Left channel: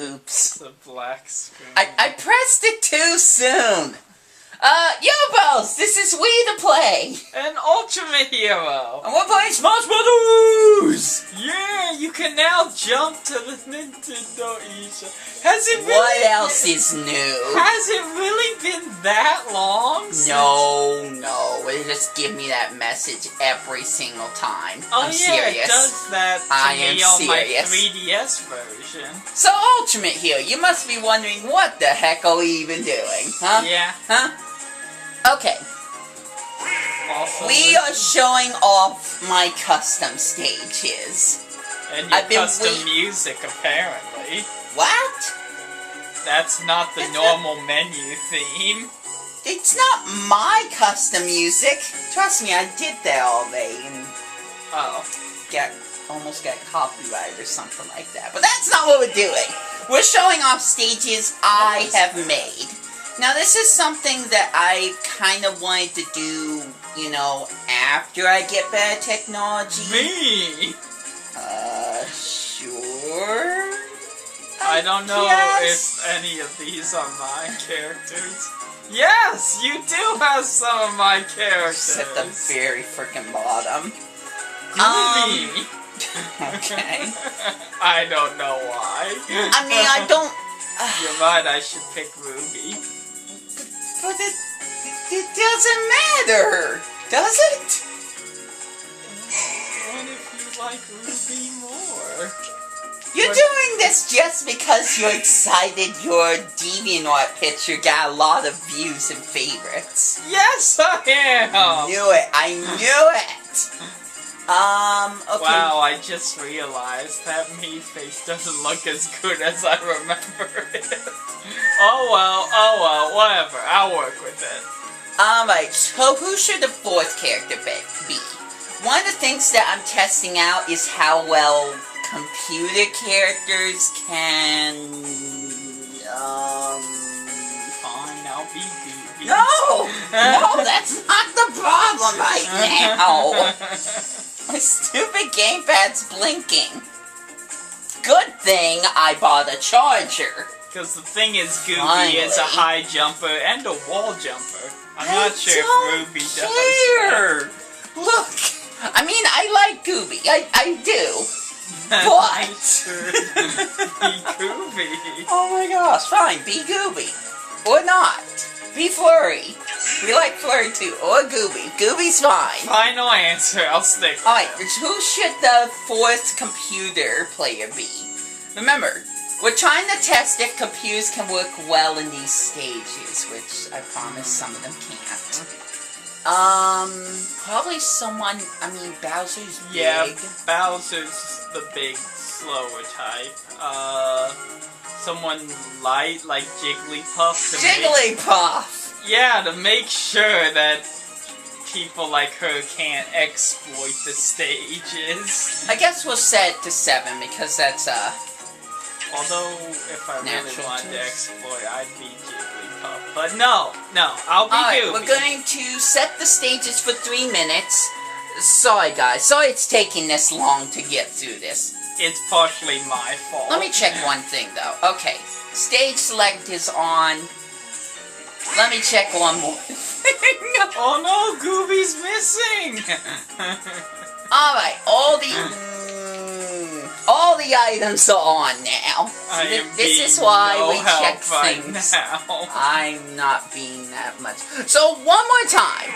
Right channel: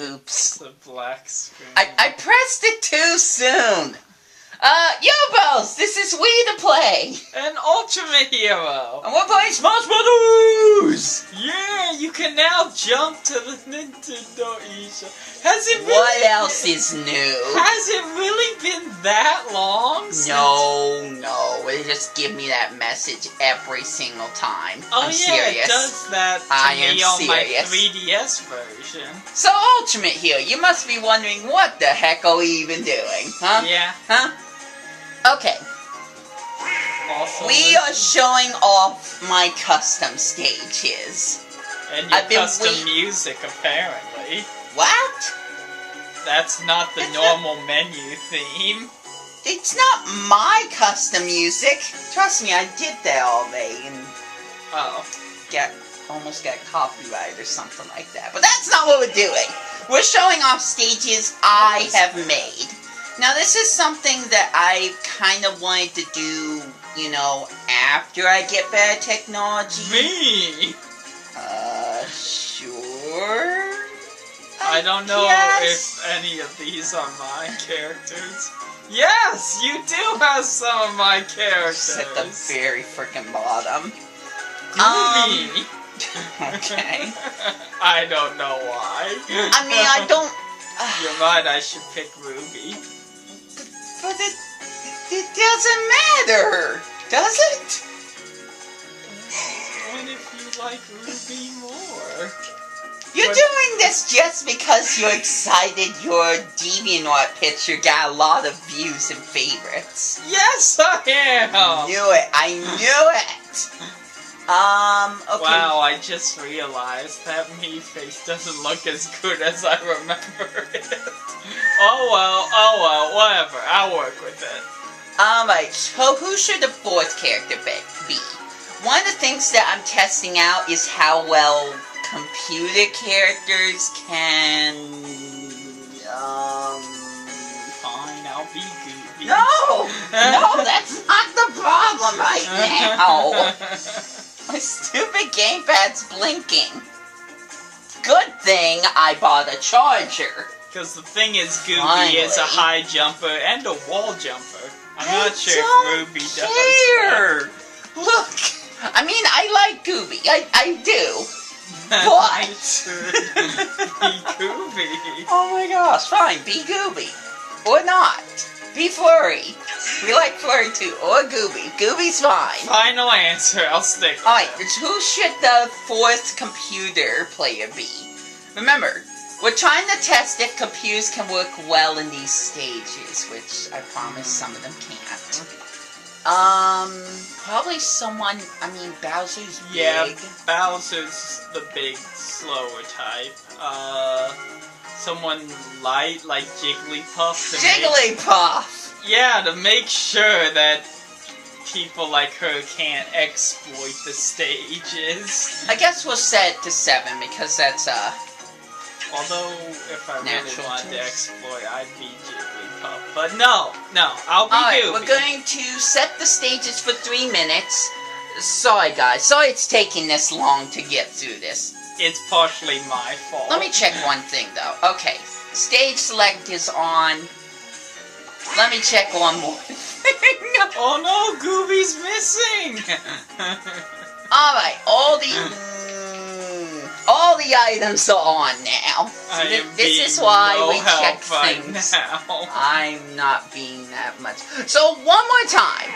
Oops. The black screen. I pressed it too soon. Yobos, this is We to Play. An Ultimate Hero. And we're playing Smash Brothers. Yeah, you can now jump to the Nintendo eShop. Has it really What else is new? Has it really been that long? No. It just give me that message every single time. Oh, I'm yeah, serious. It does that to I me am on serious. my 3DS version. So, Ultimate here, you must be wondering what the heck are we even doing, huh? Yeah. Huh? Okay. Also, We are showing off my custom stages. and your I've been custom music, apparently. What? That's not the normal menu theme. It's not my custom music. Trust me, I did that already and Oh. almost got copyright or something like that. But that's not what we're doing. We're showing off stages I have made. Now, this is something that I kind of wanted to do, you know, after I get better technology. Me? Sure. I don't know guess. if any of these are my characters. Yes, you do have some of my characters. At the very freaking bottom. Groovy. Okay. I don't know why. I mean, I don't... You're right, I should pick Ruby. But it doesn't matter, does it? What if you like Ruby more? You're doing this just because you're excited your DeviantArt picture got a lot of views and favorites. Yes, I am! I knew it! Okay. Wow, I just realized that me face doesn't look as good as I remember it. Oh well, whatever. I'll work with it. Alright, so who should the fourth character be? One of the things that I'm testing out is how well computer characters can... Fine, I'll be Goofy. No, that's not the problem right now. My stupid gamepad's blinking. Good thing I bought a charger. Because the thing is, Goofy Finally. is a high jumper and a wall jumper. I'm not sure don't if Ruby does care. Look, I mean, I like Goofy. I do. But... Be Goofy. Oh my gosh, fine, be Gooby. Or not. Be Flurry. We like Flurry too. Or Gooby. Gooby's fine. Final answer, I'll stick with Alright, it. who should the fourth computer player be? Remember, we're trying to test if computers can work well in these stages, which I promise some of them can't. Probably someone, I mean, Bowser's big. Yeah, Bowser's the big, slower type. Someone light, like Jigglypuff. Jigglypuff! Yeah, to make sure that people like her can't exploit the stages. I guess we'll set it to 7 because that's, Although, if I really Natural wanted to choice. exploit, I'd be Jigglypuff. But no, I'll be Alright, Goofy. we're going to set the stages for 3 minutes. Sorry guys, sorry it's taking this long to get through this. It's partially my fault. Let me check one thing though. Okay, stage select is on. Let me check one more thing. Oh no, Goofy's missing! Alright, all the items are on now. So this is why we check things. Now. I'm not being that much. So one more time.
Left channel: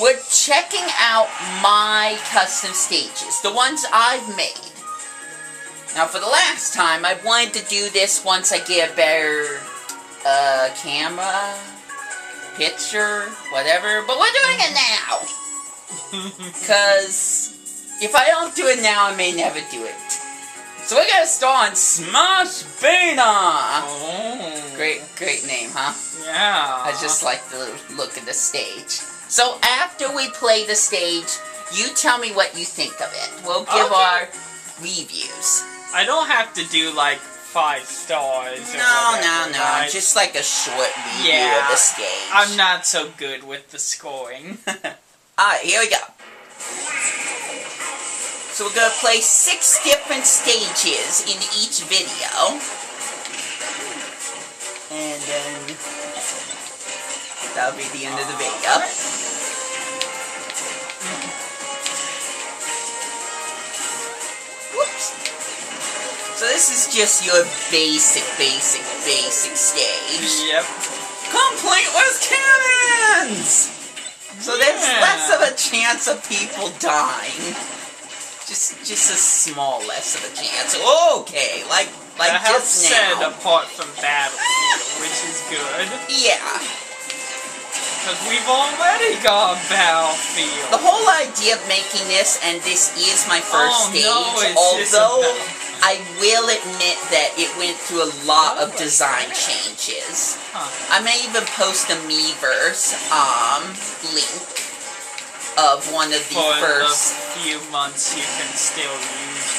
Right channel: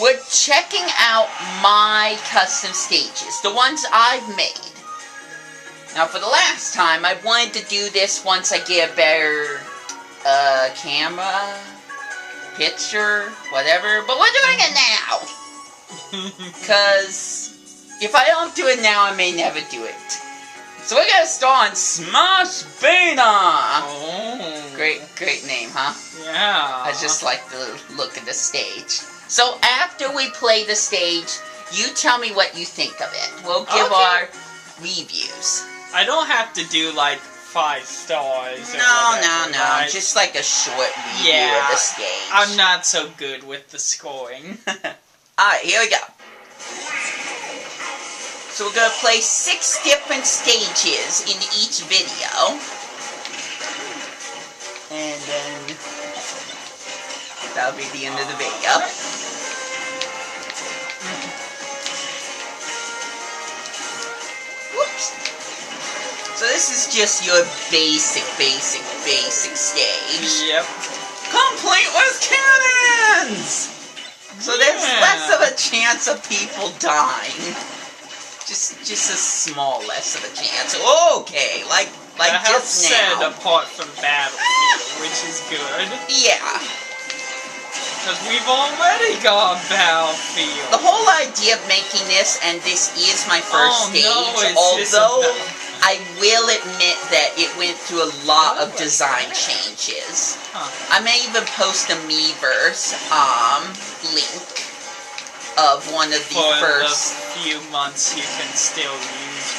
We're checking out my custom stages, the ones I've made. Now for the last time, I wanted to do this once I get a better camera, picture, whatever, but we're doing it now. Because if I don't do it now, I may never do it. So we're gonna start on Smash Beta! Oh. Great name, huh? Yeah. I just like the look of the stage. So after we play the stage, you tell me what you think of it. We'll give our reviews. I don't have to do like 5 stars. Or No, whatever, no. right? Just like a short review of the stage. I'm not so good with the scoring. Alright, here we go. So we're gonna play 6 different stages in each video. And then that'll be the end of the video. Whoops. So this is just your basic stage. Yep. Complete with cannons! So there's less of a chance of people dying. Just a small less of a chance. Okay, like just now. Said apart from Battlefield, which is good. Yeah. Because we've already got Battlefield. The whole idea of making this, and this is my first stage, although I will admit that it went through a lot of design changes. I may even post a Miiverse link of one of the first few months you can still use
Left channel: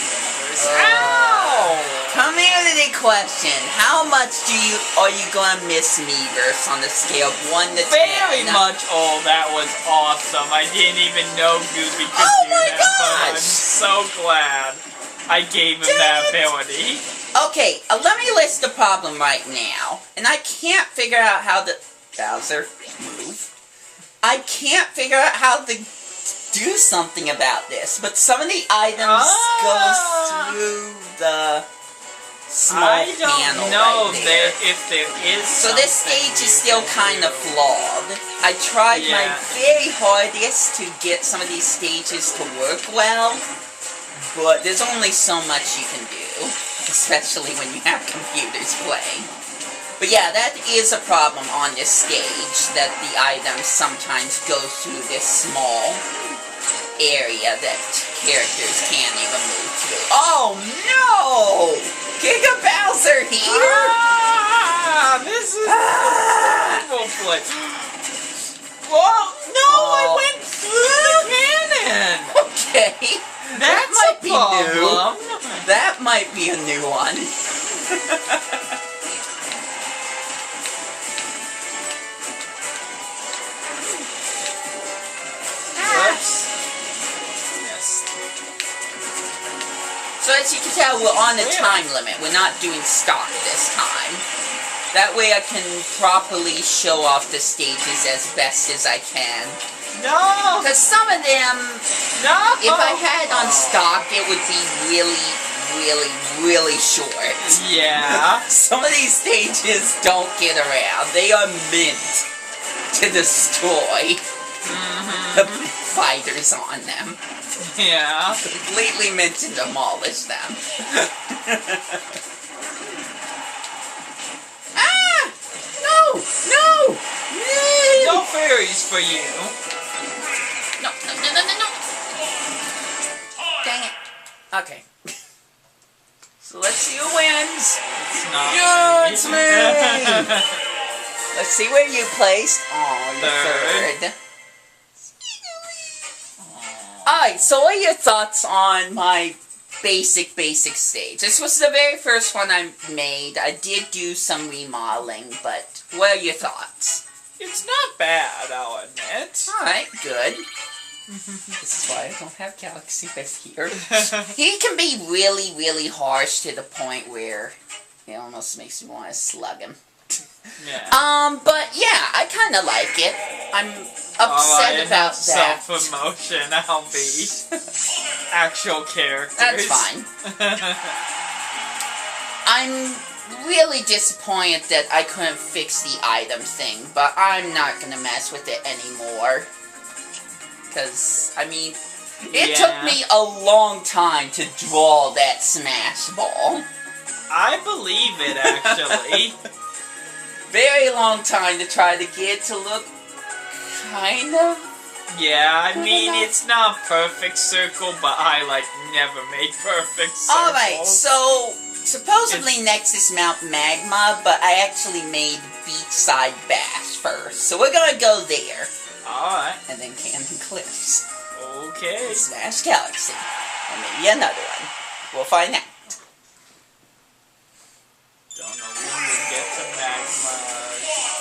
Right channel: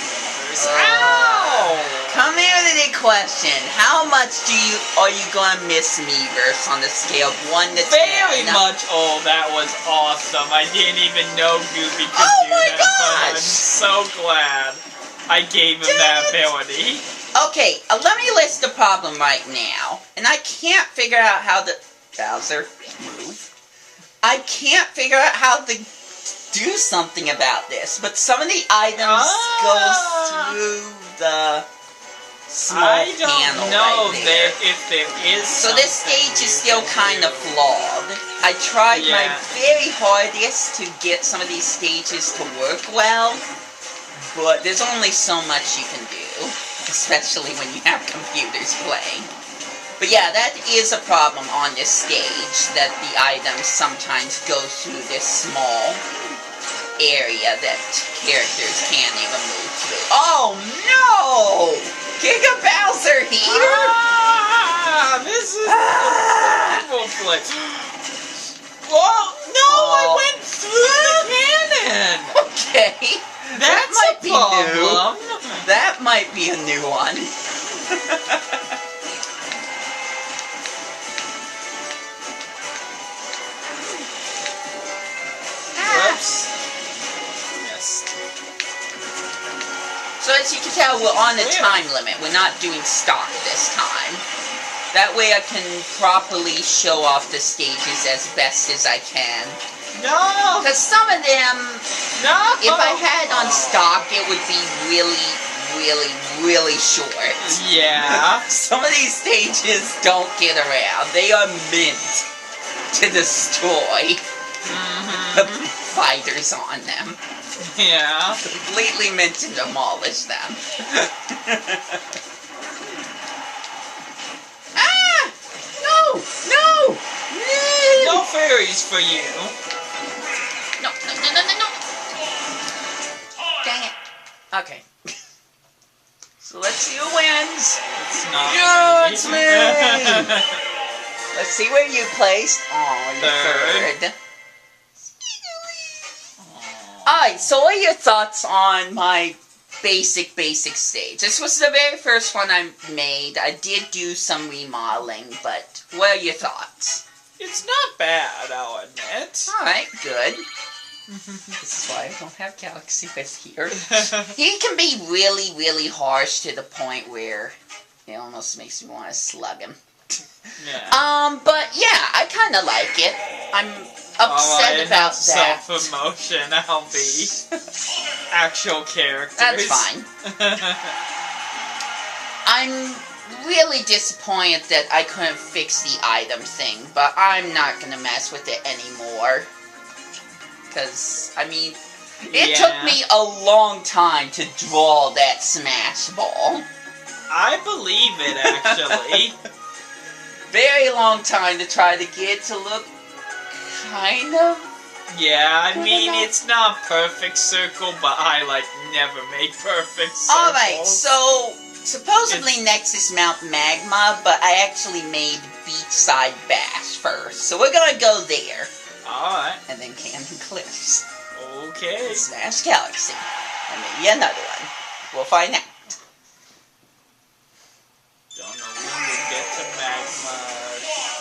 Miiverse. Come here to the question. How much are you gonna miss Miiverse on the scale of 1 to 10? Very much. Oh, that was awesome. I didn't even know Gooby could do that. But I'm so glad I gave him that ability. Okay, let me list the problem right now. And I can't figure out how to... Bowser, move. I can't figure out how to do something about this. But some of the items go through the small panel right there. If there is so this stage is still kind of flawed. I tried my very hardest to get some of these stages to work well. But there's only so much you can do, especially when you have computers playing. But yeah, that is a problem on this stage, that the items sometimes go through this small area that characters can't even move through. Oh no! Giga Bowser here? This is evil place. Whoa! No, I went through the cannon! Okay. That might be new. That might be a new one. Whoops. So as you can tell, we're on the time limit. We're not doing stock this time. That way I can properly show off the stages as best as I can. No! Because some of them, if I had on stock, it would be really short. Yeah. Some of these stages don't get around. They are meant to destroy the fighters on them. Yeah. Completely meant to demolish them. No! No fairies for you. No. Dang it. Okay. So let's see who wins. It's not Yeah, it's me! Let's see where you placed. Oh, you're third. Alright, so what are your thoughts on my basic stage? This was the very first one I made. I did do some remodeling, but what are your thoughts? It's not bad, I'll admit. Alright, good. This is why I don't have Galaxy with here. He can be really harsh to the point where it almost makes me want to slug him. Yeah. But yeah, I kind of like it. I'm upset about that. Self-promotion, I'll be. Actual characters. That's fine. I'm really disappointed that I couldn't fix the item thing, but I'm not gonna mess with it anymore. Because, I mean, it took me a long time to draw that Smash Ball. I believe it, actually. Very long time to try to get it to look kind of... Yeah, I mean, it's not perfect circle, but I, never make perfect circles. Alright, so, supposedly next is Mount Magma, but I actually made Beachside Bash first. So we're gonna go there. Alright. And then Cannon Cliffs. Okay. And Smash Galaxy. And maybe another one. We'll find out. Don't know when we get to Magma.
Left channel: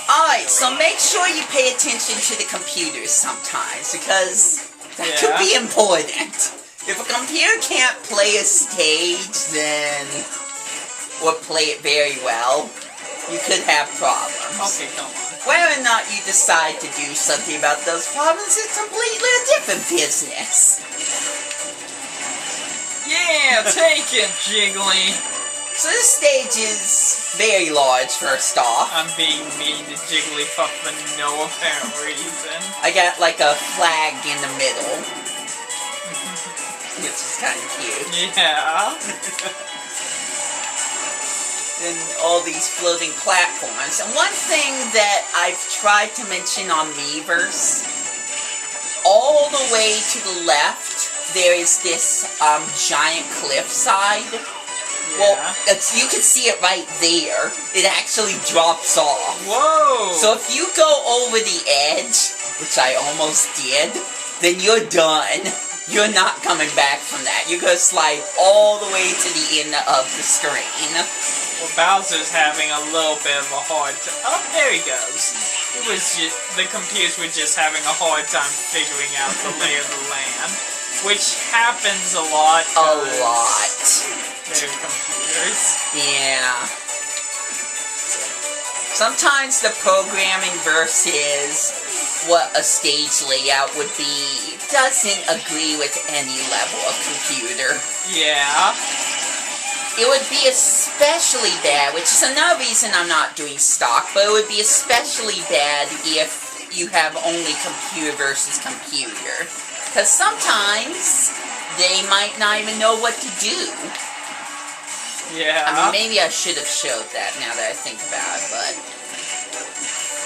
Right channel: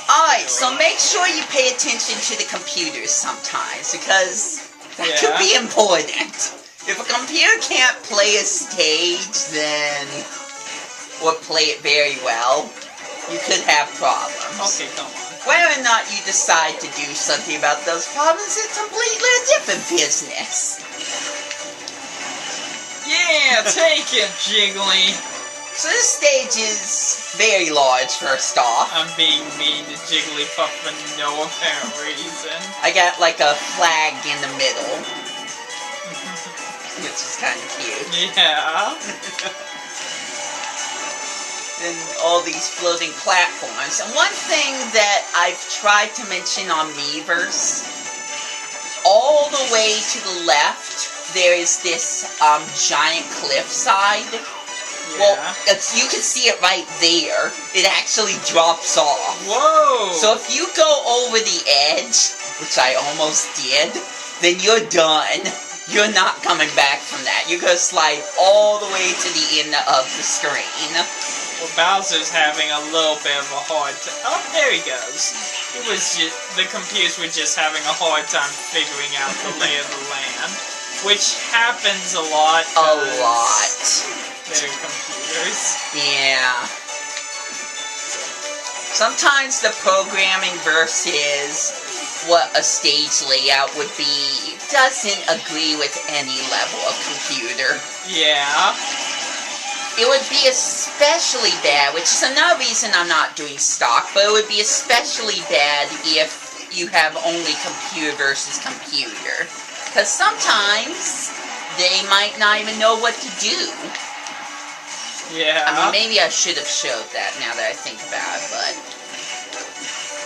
Alright, so make sure you pay attention to the computers sometimes, because that could be important. If a computer can't play a stage, then... or play it very well, you could have problems. Okay, come on. Whether or not you decide to do something about those problems is completely a different business. Yeah, take it, Jiggly. So this stage is very large, first off. I'm being mean to Jigglypuff for no apparent reason. I got like a flag in the middle. Which is kind of cute. Yeah. And all these floating platforms. And one thing that I've tried to mention on Miiverse, all the way to the left, there is this giant cliffside. Yeah. Well, you can see it right there. It actually drops off. Whoa! So if you go over the edge, which I almost did, then you're done. You're not coming back from that. You're going to slide all the way to the end of the screen. Well, Bowser's having a little bit of a hard time. Oh, there he goes. It was just, the computers were just having a hard time figuring out the lay of the land. Which happens a lot. A lot. They're computers. Yeah. Sometimes the programming versus what a stage layout would be doesn't agree with any level of computer. Yeah. It would be especially bad, which is another reason I'm not doing stock, but it would be especially bad if you have only computer versus computer. Because sometimes they might not even know what to do. Yeah. I mean, maybe I should have showed that now that I think about it, but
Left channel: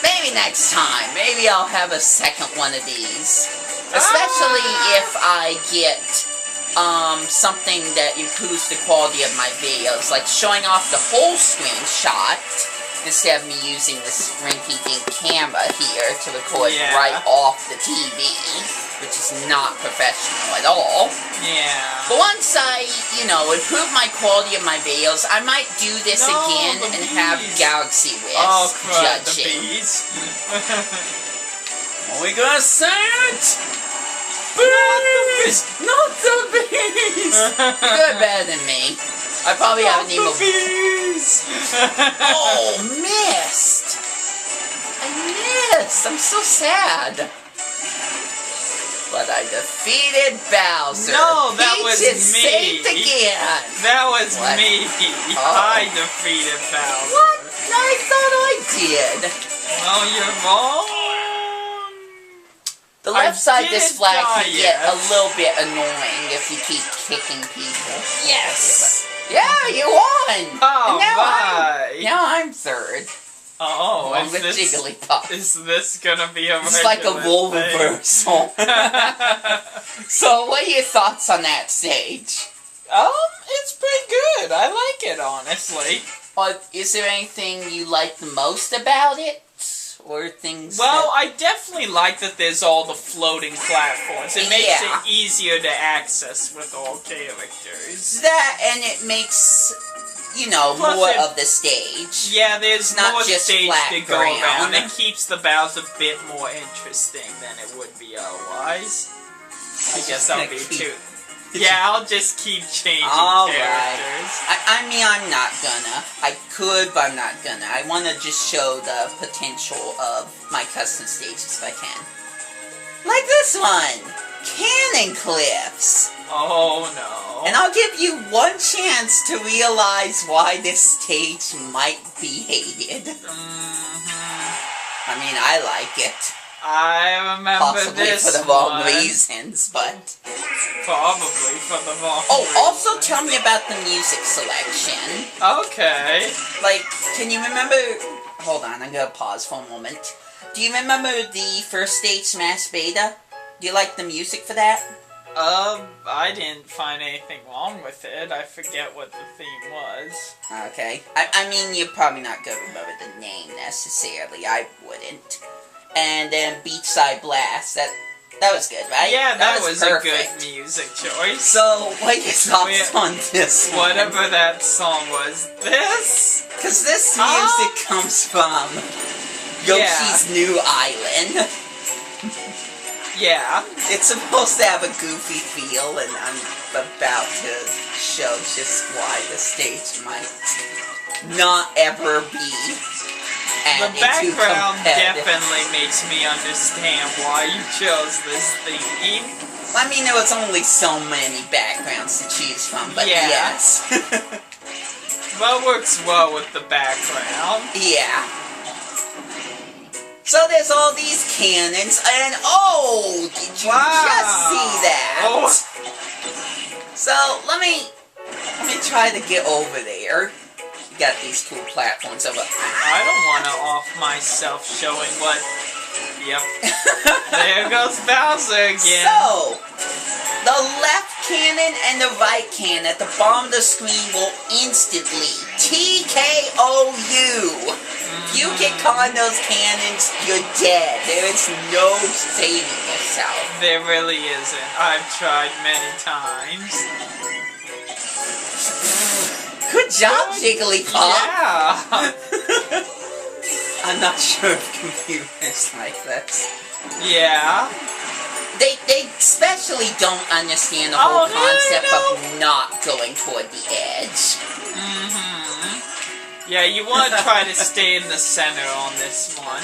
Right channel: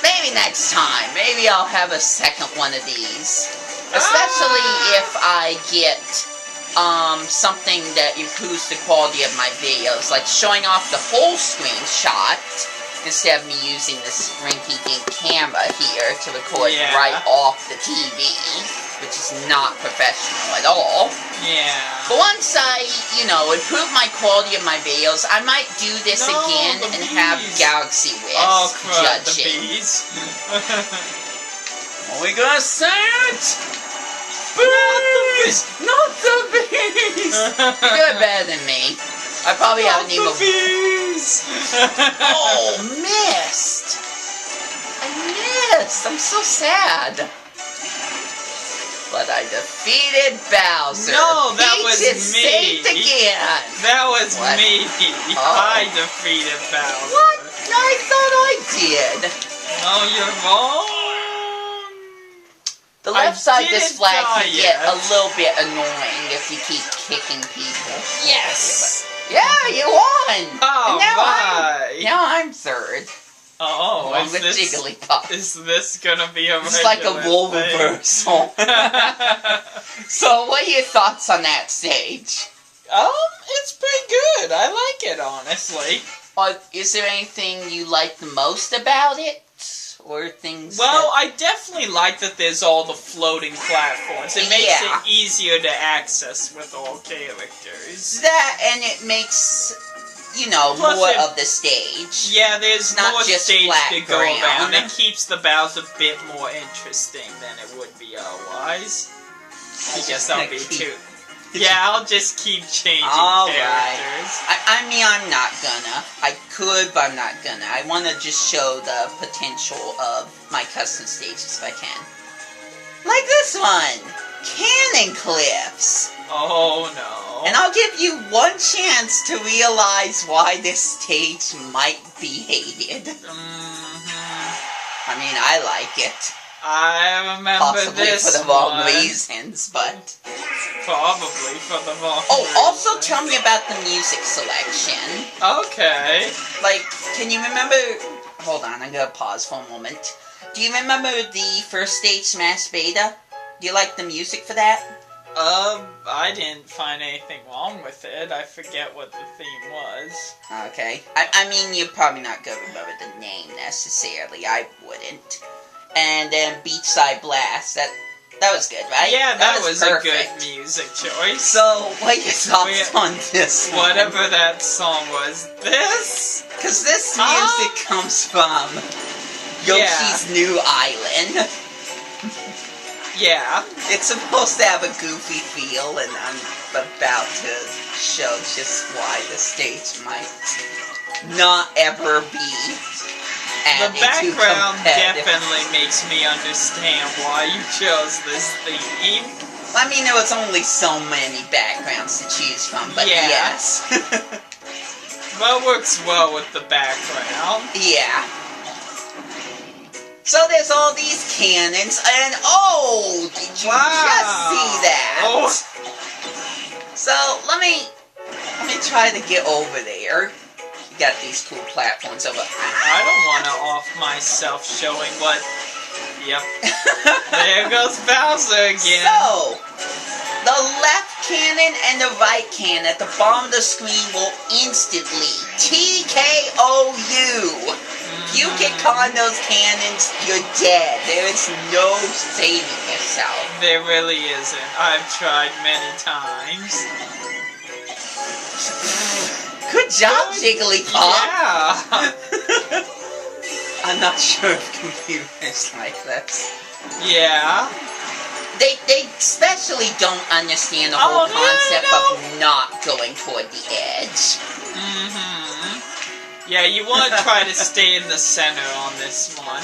maybe next time. Maybe I'll have a second one of these. Especially if I get something that improves the quality of my videos, like showing off the full screen shot instead of me using this rinky-dink camera here to record right off the TV, which is not professional at all. Yeah. But once I, improve my quality of my videos, I might do this again and have Galaxy Wiz judge it. Are we gonna say it? Bees! Not the bees! You're doing better than me. I probably haven't even... bees! Oh, missed! I missed! I'm so sad. But I defeated Bowser. No, that was Peach is me. saved again. That was What? me. Oh. I defeated Bowser. What? I thought I did. No, you're wrong. The left side of didn't this flag die can get yet. a little bit annoying if you keep kicking people. Yes. Yeah, you won. Oh, And my. now I'm third. Oh, Along is with this, Jigglypuff. is this gonna be a It's like a regular role thing? reversal. So, what are your thoughts on that stage? It's pretty good. I like it, honestly. Is there anything you like the most about it? Or things Well, I definitely like that there's all the floating platforms. It makes Yeah. it easier to access with all characters. that, and it makes, Plus more it- of the stage. Yeah, there's Not more just stage flat to go ground. around. It keeps the battles a bit more interesting than it would be otherwise. I guess that'll be too. Yeah, I'll just keep changing Alright. characters. I mean, I'm not gonna. I could, but I'm not gonna. I want to just show the potential of my custom stages if I can. Like this one! Cannon Cliffs! Oh no. And I'll give you one chance to realize why this stage might be hated. I mean, I like it. I remember Possibly this for the wrong one. reasons, but... Probably for the wrong also reason. tell me about the music selection. Okay. Like, can you remember... Hold on, I'm gonna pause for a moment. Do you remember the first stage Smash Beta? Do you like the music for that? I didn't find anything wrong with it. I forget what the theme was. Okay. I mean, you're probably not gonna remember the name necessarily. I wouldn't. And then Beachside Blast. That was good, right? Yeah, that was perfect. a good music choice. So, what are your thoughts on this one? Whatever that song was. This? Because this music comes from Yoshi's New Island. Yeah. It's supposed to have a goofy feel, and I'm about to show just why the stage might not ever be The added to background competitive. definitely makes me understand why you chose this theme. I mean, there was only so many backgrounds to choose from, but Yeah. yes. Well, works well with the background. Yeah. So there's all these cannons, and oh, did you just see that? Oh. So let me try to get over there. You got these cool platforms over. I don't want to off myself showing what... Yep. There goes Bowser again. So, the left cannon and the right cannon at the bottom of the screen will instantly TKO you. If you get caught in those cannons, you're dead. There is no saving yourself. There really isn't. I've tried many times. Good job, Jigglypuff. Yeah. I'm not sure if computers like this. Yeah. They especially don't understand the whole concept of not going toward the edge. Yeah, you want to try to stay in the center on this one.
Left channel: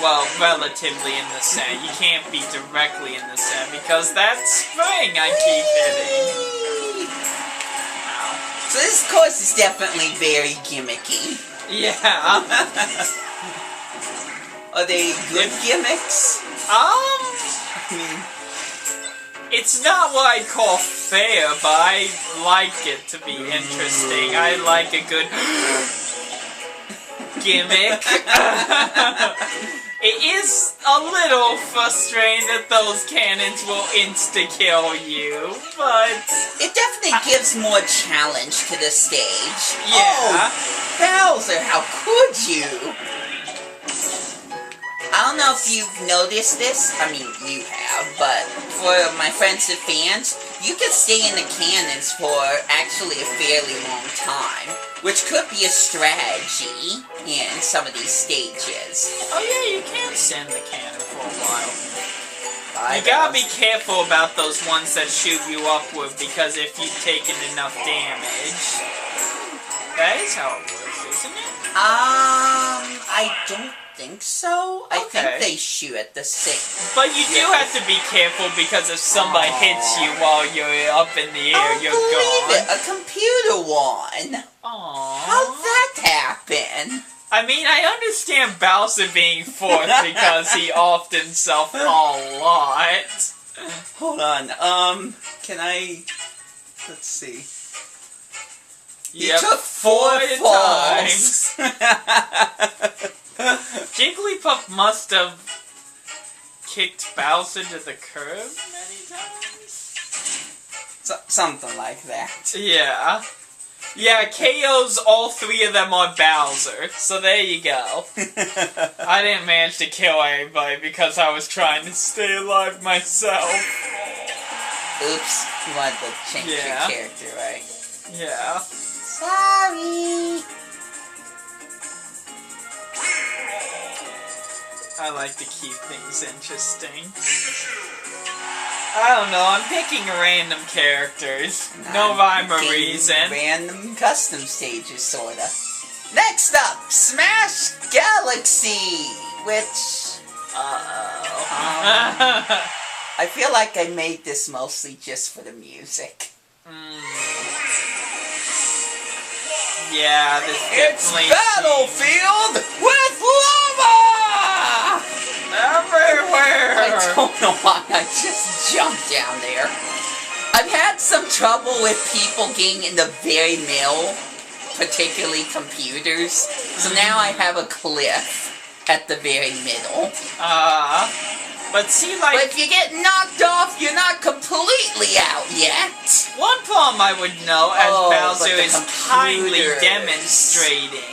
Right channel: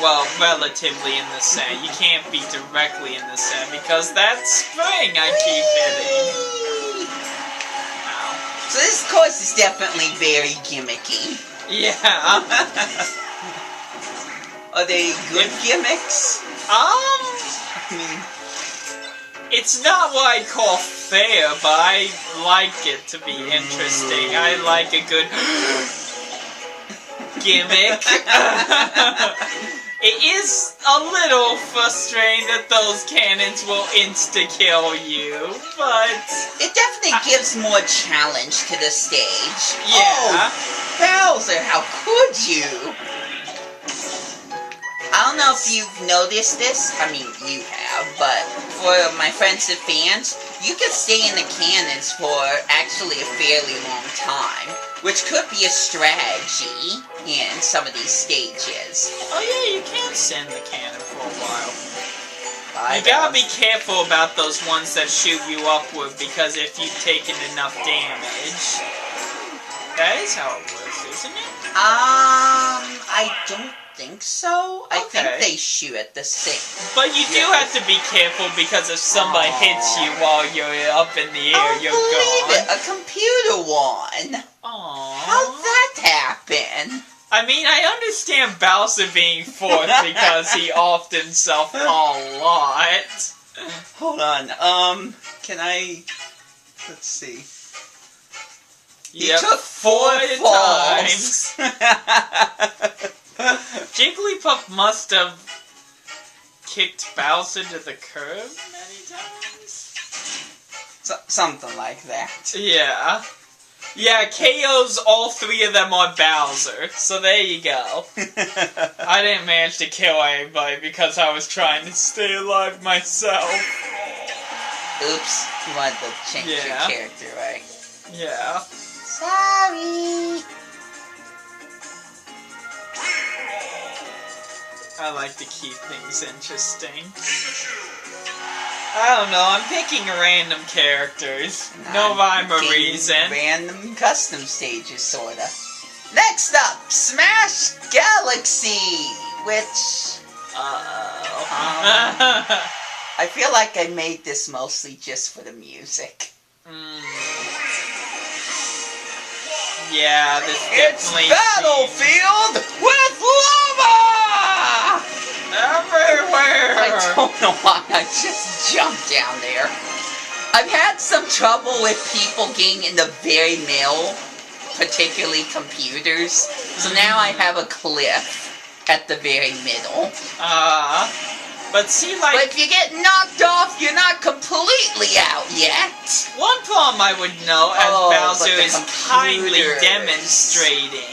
Well, relatively in the center. You can't be directly in the center because that spring I keep hitting. So this course is definitely very gimmicky. Yeah. Are they good gimmicks? I mean, It's not what I call fair, but I like it to be interesting. I like a good gimmick. It is a little frustrating that those cannons will insta-kill you, but... it definitely gives more challenge to the stage. Yeah. Oh, Bowser, how could you? I don't know if you've noticed this. I mean, you have, but for my friends and fans, you can stay in the cannons for actually a fairly long time, which could be a strategy in some of these stages. Oh yeah, you can send the cannon for a while. Bye, You gotta be Bowser. careful about those ones that shoot you upward, because if you've taken enough damage... That is how it works, isn't it? I don't think so. I think Okay. they shoot at the same. But you do have to be careful, because if somebody hits you while you're up in the air, Oh, you're believe gone. it, a computer won. Aww. How'd that happen? I mean, I understand Bowser being fourth because he offed himself a lot. Hold on. Can I? Let's see. He Yep, took 4 falls. Jigglypuff must have kicked Bowser to the curb many times? Something like that. Yeah. Yeah, KO's all 3 of them on Bowser, so there you go. I didn't manage to kill anybody because I was trying to stay alive myself. Oops. You wanted to change your Yeah. character, right? Yeah. Sorry. I like to keep things interesting. I don't know, I'm picking random characters. No rhyme or Picking reason. Random custom stages, sorta. Next up, Smash Galaxy, which I feel like I made this mostly just for the music. Yeah, this It's definitely Battlefield with lava! everywhere! I don't know why I just jumped down there. I've had some trouble with people getting in the very middle, particularly computers. So now I have a cliff at the very middle. But see, But like, if you get knocked off, you're not completely out yet. one problem I would know, as Oh, but Bowser the is kindly computers. demonstrating,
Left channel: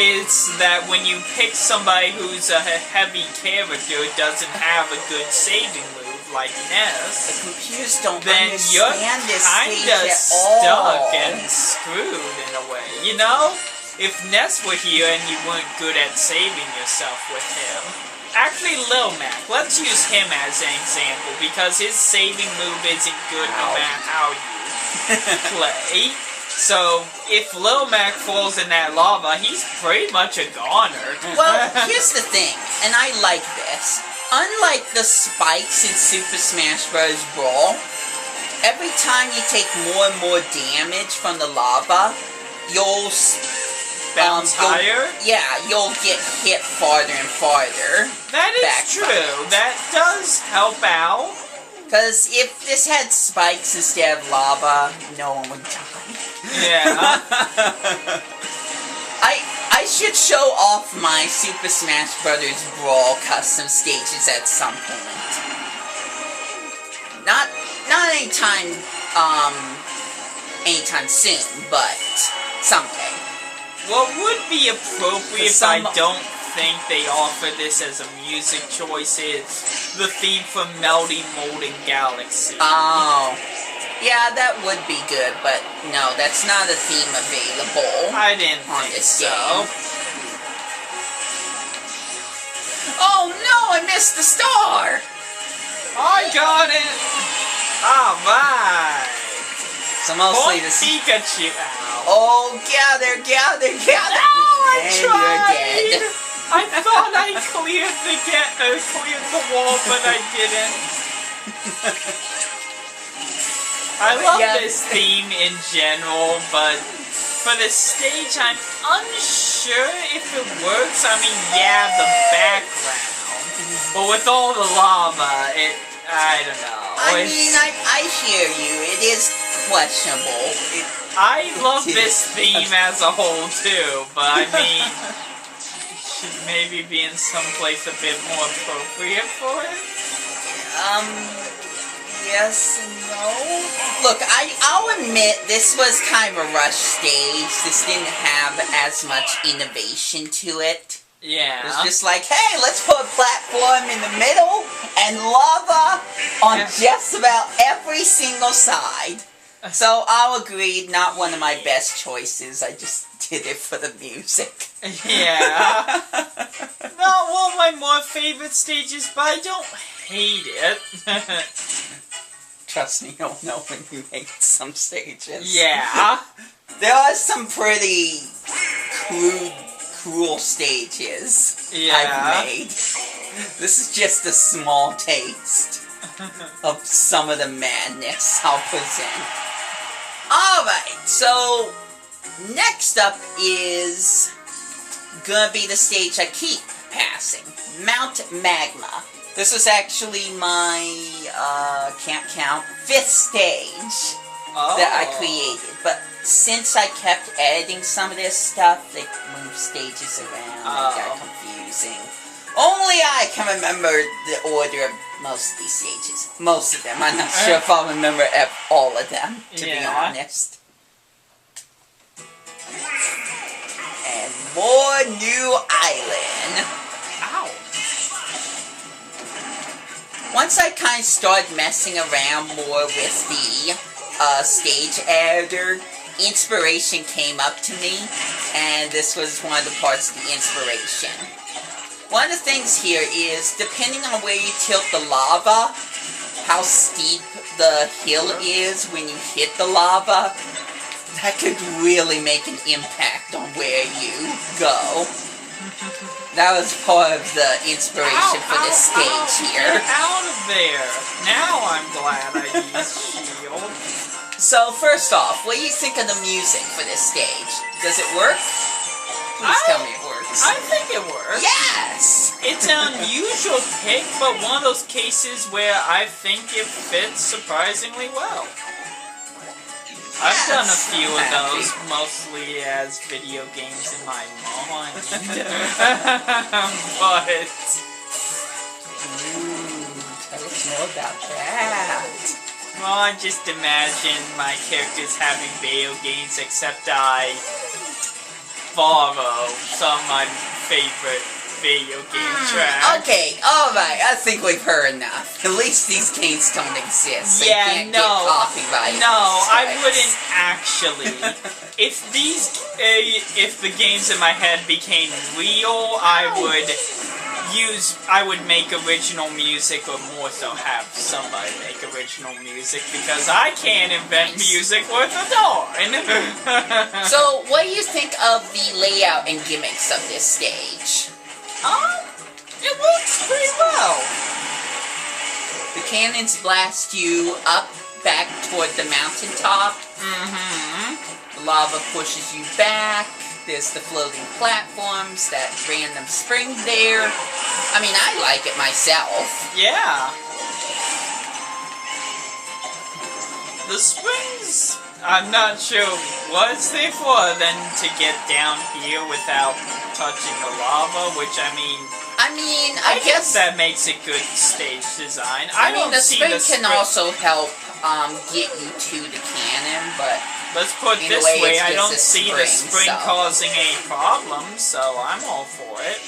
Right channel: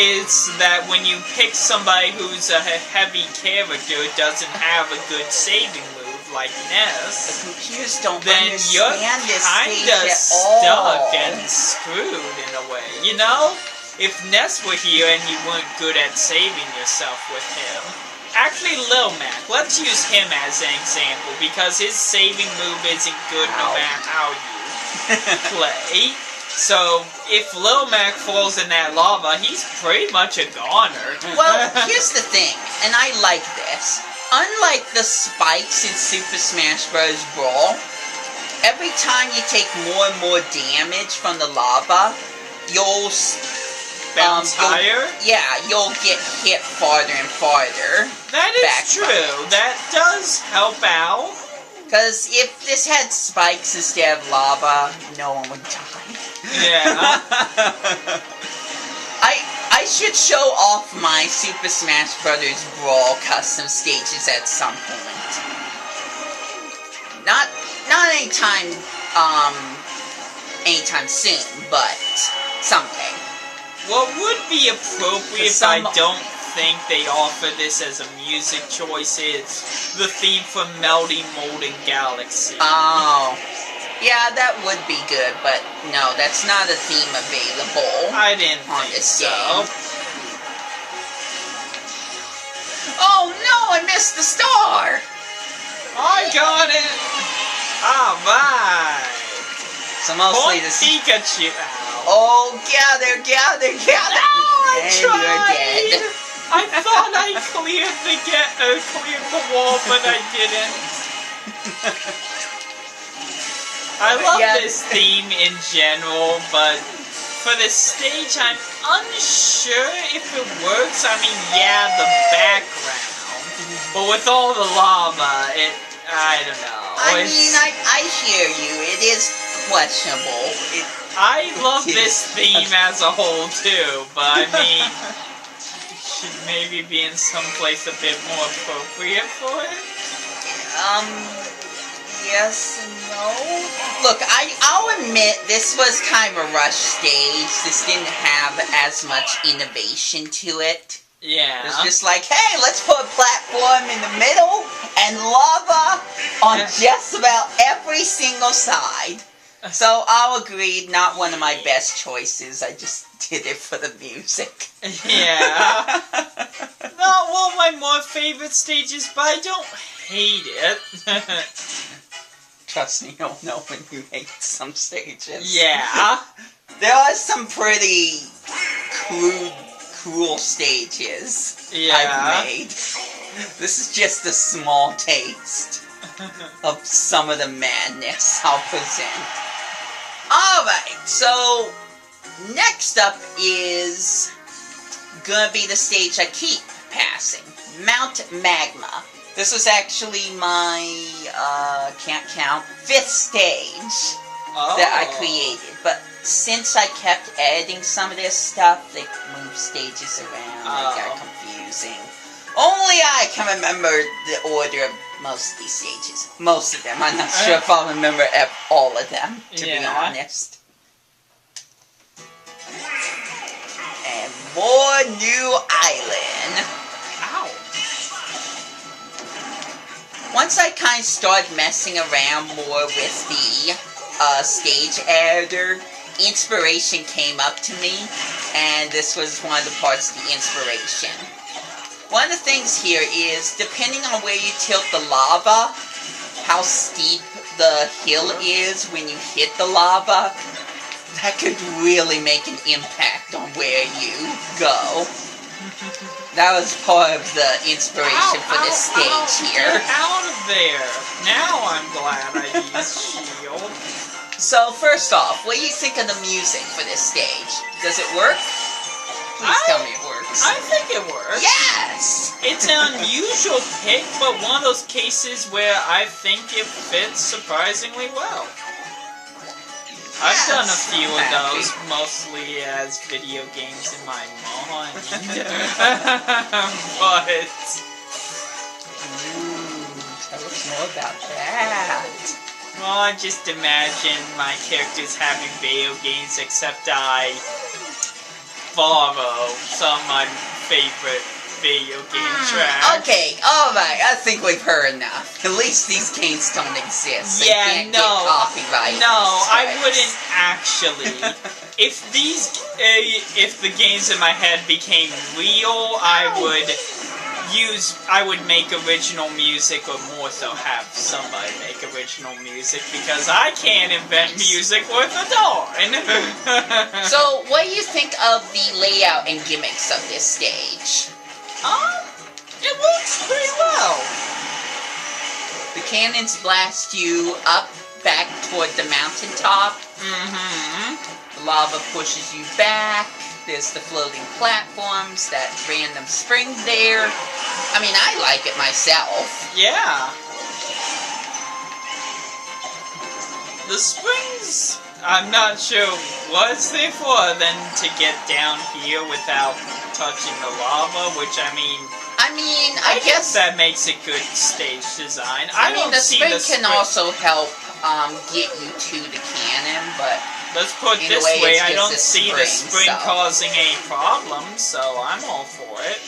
is that when you pick somebody who's a heavy character who doesn't have a good saving move like The Ness, computers don't then you're understand this stage kinda at all. stuck and screwed in a way, you know? If Ness were here and you weren't good at saving yourself with him. Actually, Lil Mac, let's use him as an example, because his saving move isn't good no matter how you play. So, if Lil Mac falls in that lava, he's pretty much a goner. Well, here's the thing, and I like this. Unlike the spikes in Super Smash Bros. Brawl, every time you take more and more damage from the lava, you'll Bounce higher? You'll get hit farther and farther. That is true. That does help out. Because if this had spikes instead of lava, no one would die. Yeah. I should show off my Super Smash Bros. Brawl custom stages at some point. Not anytime soon, but someday. What would be appropriate if I don't think they'd offer this as a music choice is the theme from Melody Molten Galaxy. Oh. Yeah, that would be good, but no, that's not a theme available. I didn't on think this so. game. Oh no, I missed the star! I got it! Alright! So mostly Point this... Pikachu out. Oh, gather! No, I And tried! you're dead. I thought I cleared the wall, but I didn't. I love this theme in general, but for this stage, I'm unsure if it works. I mean, yeah, the background, but with all the lava, I don't know. I mean, I hear you. It is questionable. I love this theme as a whole too, but I mean, it should maybe be in some place a bit more appropriate for it. Yes and no. Look, I'll admit this was kind of a rush stage. This didn't have as much innovation to it. Yeah. It's just like, hey, let's put a platform in the middle and lava on just about every single side. So I'll agree, not one of my best choices. I just did it for the music. Yeah. Not one of my more favorite stages, but I don't hate it. Trust me, you'll know when you hate some stages. Yeah. There are some pretty cruel stages I've made. This is just a small taste of some of the madness I'll present. Alright, so next up is gonna be the stage I keep passing. Mount Magma. This was actually my, can't count, 5th stage that I created. But since I kept editing some of this stuff, they moved stages around and it got confusing. Only I can remember the order of most of these stages. Most of them. I'm not sure if I'll remember all of them, to be honest. And more new island. Ow. Once I kind of started messing around more with the stage editor, inspiration came up to me, and this was one of the parts of the inspiration. One of the things here is, depending on where you tilt the lava, how steep the hill is when you hit the lava, that could really make an impact on where you go. That was part of the inspiration for this stage here. Get out of there! Now I'm glad I used shield. So first off, what do you think of the music for this stage? Does it work? Please tell me it works. I think it works. Yes! It's an unusual pick, but one of those cases where I think it fits surprisingly well. I've done a few of those, mostly as video games in my mind. But... Tell us more about that. Well, I just imagine my characters having video games, except I borrow some of my favorite video game tracks. Okay, alright, I think we've heard enough. At least these games don't exist, so you can't get copyright. No, I wouldn't actually. If the games in my head became real, I would I would make original music, or more so have somebody make original music, because I can't invent music worth a darn. So, what do you think of the layout and gimmicks of this stage? It works pretty well. The cannons blast you up, back toward the mountaintop. Mm-hmm. The lava pushes you back. There's the floating platforms, that random spring there. I mean, I like it myself. Yeah. The springs, I'm not sure what it's there for, other than to get down here without touching the lava, which, I guess that makes a good stage design. I mean, the see spring the can also help get you to the cannon, but let's put it this way, way, it's I just don't a see the spring so. causing any problems, so I'm all for it.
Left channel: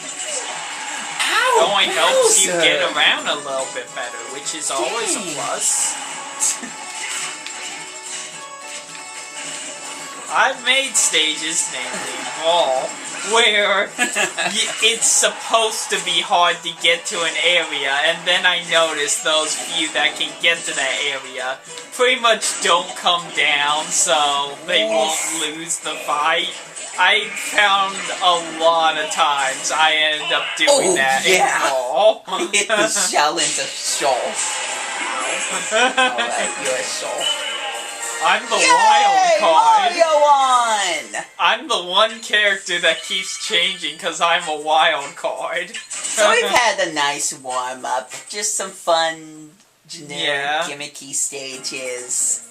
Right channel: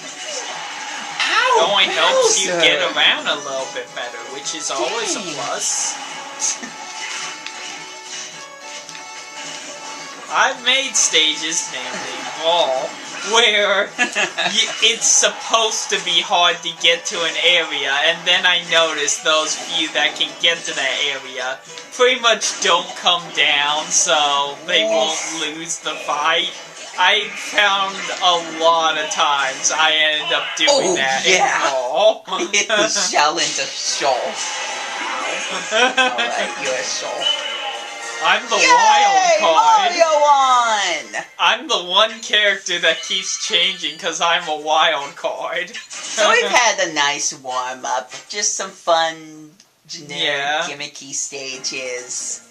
Ow, It only helps you Bowser! get around a little bit better, which is always a Dang. plus. I've made stages, namely Brawl, where it's supposed to be hard to get to an area, and then I noticed those few that can get to that area pretty much don't come down, so they won't lose the fight. I found a lot of times I ended up doing that in Brawl. Hit the shell into Shoal. Alright, you're a Shoal. I'm the Yay! wild card. Mario won! I'm the one character that keeps changing because I'm a wild card. So we've had a nice warm-up. Just some fun, generic, gimmicky stages.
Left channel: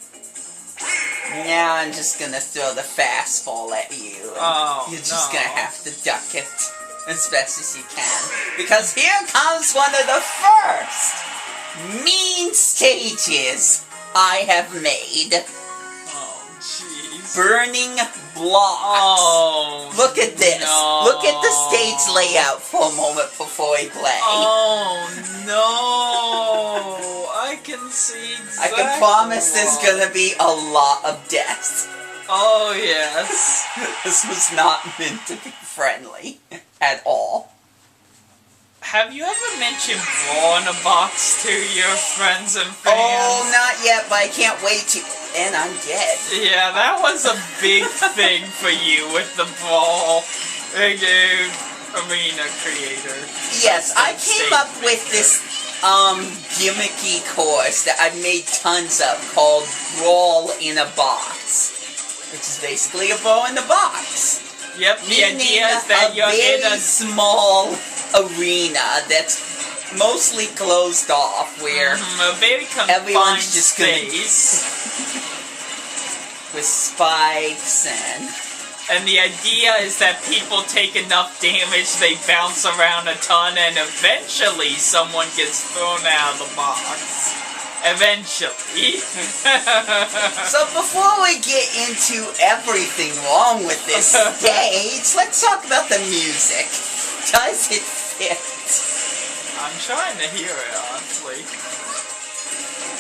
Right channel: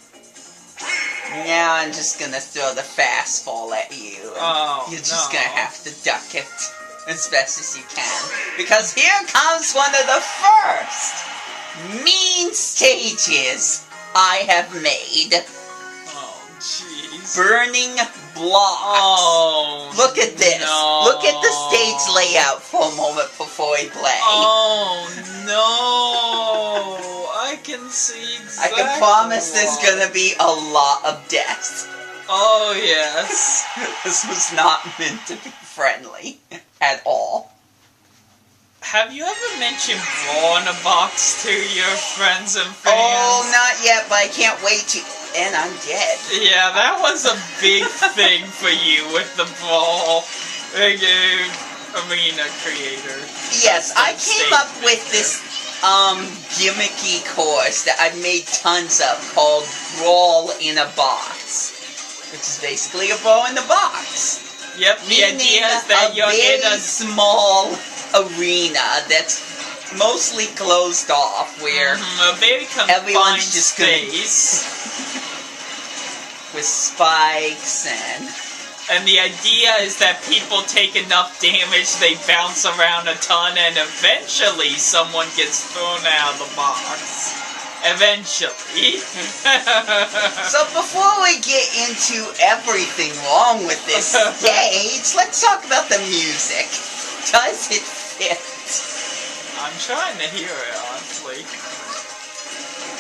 Now I'm just gonna throw the fastball at you. Oh, You're just gonna have to duck it as best as you can. Because here comes one of the first mean stages I have made. Oh, jeez. Burning blocks. Oh, Look at this. no. Look at the stage layout for a moment before we play. Oh, no. I can see I exactly can promise there's why. gonna be a lot of deaths. Oh, yes. This was not meant to be friendly at all. Have you ever mentioned Brawl in a Box to your friends and fans? Oh, not yet, but I can't wait to... And I'm dead. Yeah, that was a big thing for you with the Brawl arena creator. Yes, I came up with this gimmicky course that I've made tons of called Brawl in a Box. Which is basically a brawl in the box. Yep, the Meaning idea is that you're in very a small arena that's mostly closed off where a very confined everyone's just gonna- space. with spikes And the idea is that people take enough damage, they bounce around a ton, and eventually someone gets thrown out of the box. Eventually. So before we get into everything wrong with this stage, let's talk about the music. Does it fit? I'm trying to hear it, honestly.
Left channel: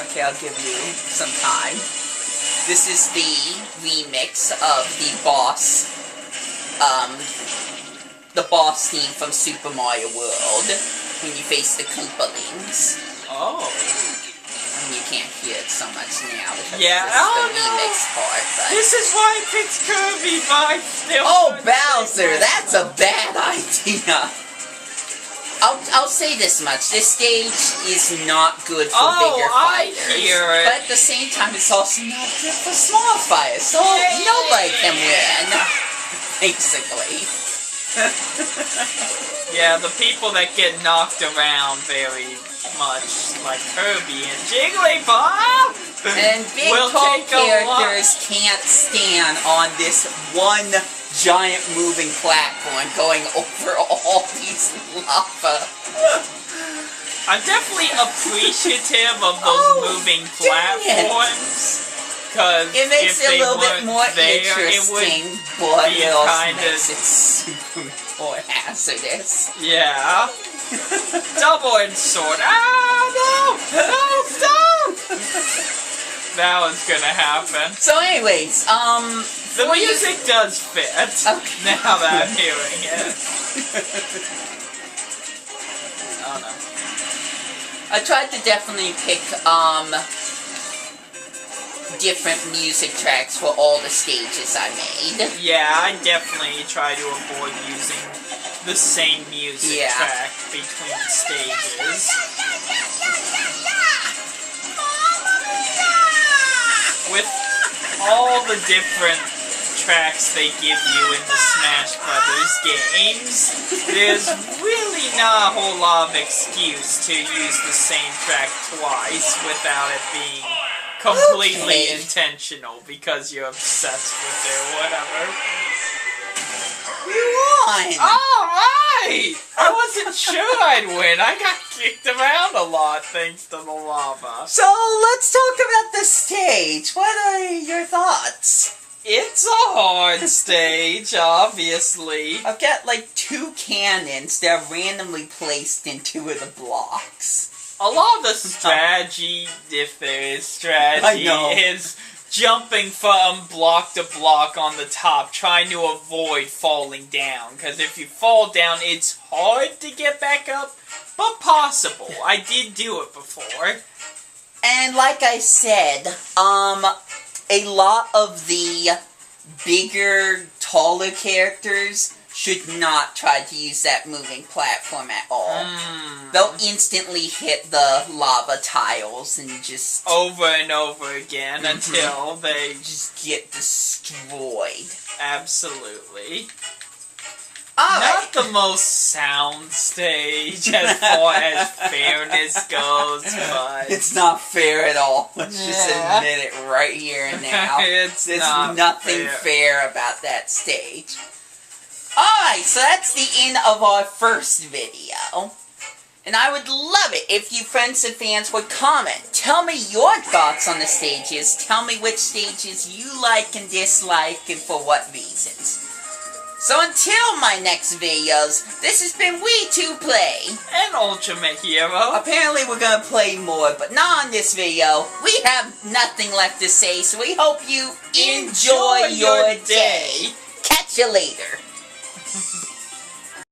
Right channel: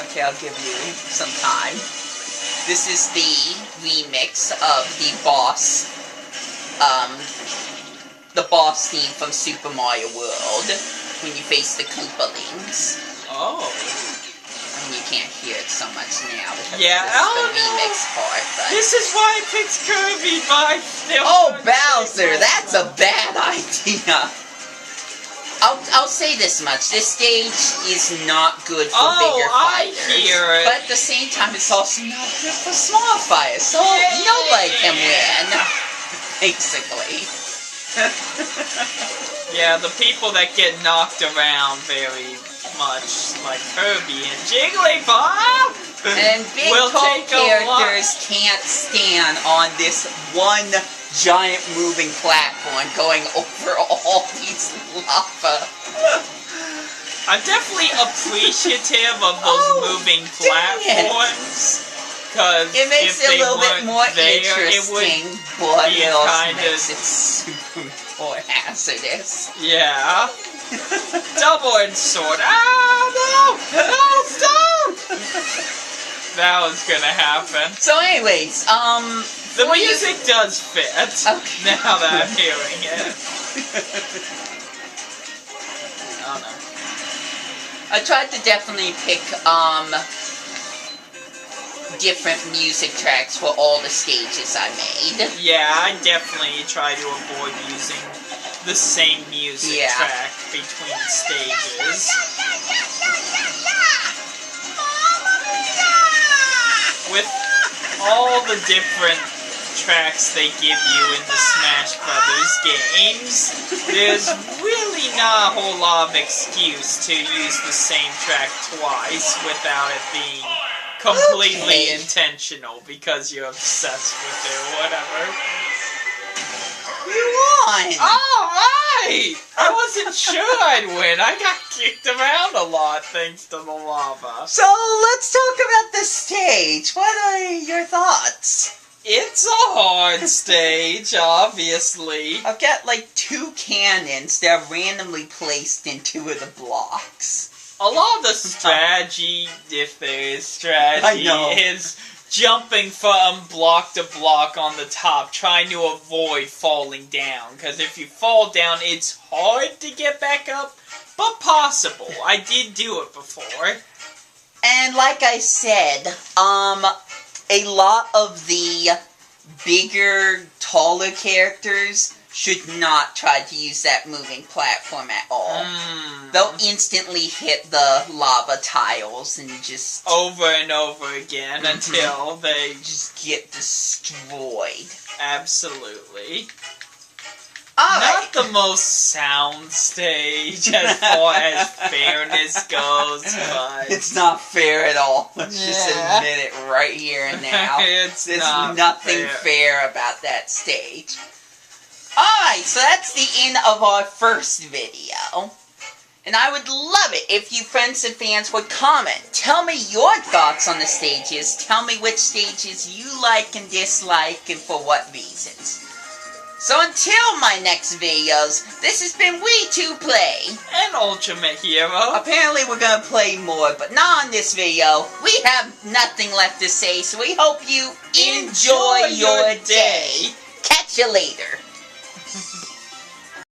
Okay, I'll give you some time. This is the remix of the boss theme from Super Mario World, when you face the Koopalings. Oh. I mean, you can't hear it so much now because Yeah, this is the remix part, but... This is why I picked Kirby, but I still... Oh, Bowser, that's a bad idea. I'll say this much. This stage is not good for bigger fighters. I hear it. But at the same time, it's also not good for small fighters. So nobody can win, basically. Yeah, the people that get knocked around very much, like Kirby and Jigglypuff, And big will tall take a lot. characters can't stand on this one giant moving platform going over all these lava. I'm definitely appreciative of those moving dang it. platforms. Because It makes it a little bit more there, interesting, It but be it also kind makes of- it super more hazardous. would, yeah. Double-edged sword. Ah, no! No, stop! That was gonna happen. So anyways, The for you- music does fit, Okay. now that I'm hearing it. I tried to definitely pick, different music tracks for all the stages I made. Yeah, I definitely try to avoid using the same music track between stages. With all the different tracks they give you in the Smash Brothers games, there's really not a whole lot of excuse to use the same track twice without it being completely intentional because you're obsessed with it or whatever. You won! Alright! I wasn't sure I'd win. I got kicked around a lot thanks to the lava. So, let's talk about the stage. What are your thoughts? It's a hard stage, obviously. I've got like 2 cannons that are randomly placed in 2 of the blocks. A lot of the strategy, if there is strategy, is jumping from block to block on the top, trying to avoid falling down. Because if you fall down, it's hard to get back up, but possible. I did do it before. And like I said, a lot of the bigger, taller characters should not try to use that moving platform at all. They'll instantly hit the lava tiles and just... over and over again until they just get destroyed. Absolutely. Alright. Not the most sound stage as far as fairness goes, but... It's not fair at all. Let's just admit it right here and now. There's nothing fair about that stage. Alright, so that's the end of our first video. And I would love it if you friends and fans would comment. Tell me your thoughts on the stages. Tell me which stages you like and dislike and for what reasons. So until my next videos, this has been We2Play. And Ultimate Hero. Apparently we're gonna play more, but not on this video. We have nothing left to say, so we hope you enjoy your day. Catch you later.